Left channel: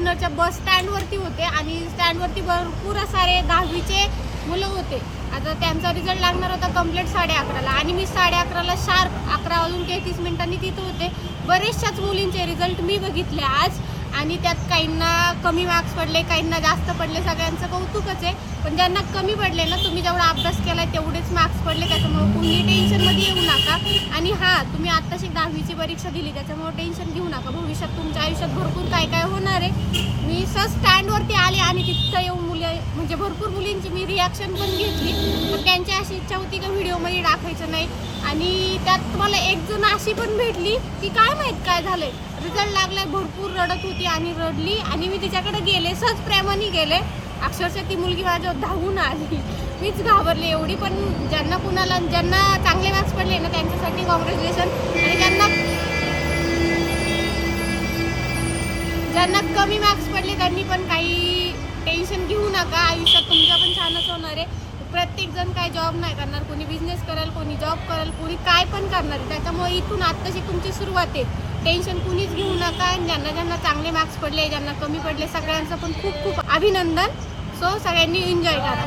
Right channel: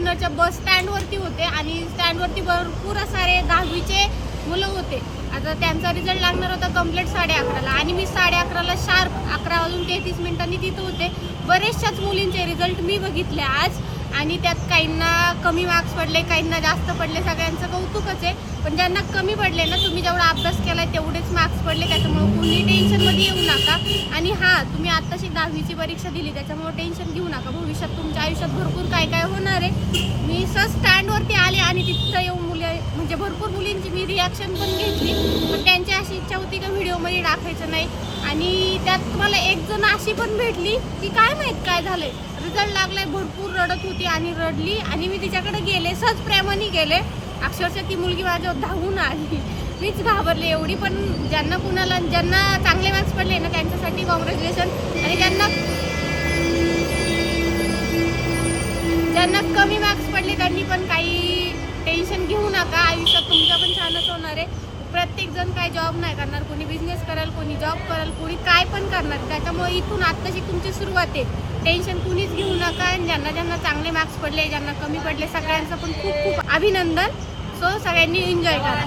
जुन्नरच्या बस स्टँडवरती होते आणि स्टँडवरती भरपूर सारे 10वीचे मुलं होते. आता त्यांचा रिझल्ट लागणार होता कंप्लीट 11:30ला आणि मी 11:30ला शार्प 11:33 तिथे होते. बरेचशाच मुलींचे रिझल्ट मी बघितले आज आणि त्यात काहींना कमी मार्क्स पडले, काहींना जास्त पडले. सगळ्यांचं कौतुकच आहे. पण ज्यांना कमी पडले ना, तुम्ही जेवढा अभ्यास केलाय तेवढेच मार्क्स पडले, त्याच्यामुळे कुणी टेन्शनमध्ये येऊ नका. आणि हा, तुम्ही आत्ताशी 10वीची परीक्षा दिली त्याच्यामुळे टेन्शन घेऊ नका. भविष्यात तुमच्या आयुष्यात भरपूर काय काय होणार आहे. मी सहज स्टँडवरती आले आणि तिथं येऊन म्हणजे भरपूर मुलींची मी रिॲक्शन पण घेतली. पण त्यांची अशी इच्छा होती की व्हिडिओमध्ये टाकायचं नाही. आणि त्यात मला एक जण अशी पण भेटली की काय माहित काय झालंय, रिझल्ट लागलाय, भरपूर रडत होती आणि रडली आणि मी तिच्याकडे गेले, सहज प्रेमाने गेले. अक्षरशः ती मुलगी माझ्यावर धावून आली. मीच घाबरले एवढी. पण ज्यांना चांगले मार्क्स पडले ना त्यांच्यासाठी कॉंग्रॅच्युलेशन. आणि ज्यांना कमी मार्क्स पडले त्यांनी पण काही टेन्शन घेऊ नका. आयुष्यात तुमच्या पण छानच होणार आहे. प्रत्येक जण काय जॉब नाही करणार, कोणी बिझनेस कराल, कोणी जॉब कराल, कोणी काय पण करणार. त्याच्यामुळे इथून आत्ताची तुमची सुरुवात आहे. टेन्शन कुणीच घेऊ नका. ज्यांना चांगले मार्क्स पडले, ज्यांना कमी पडले, सगळ्यांचं पण खूप खूप अभिनंदन. सो सगळ्यांनी एन्जॉय करा.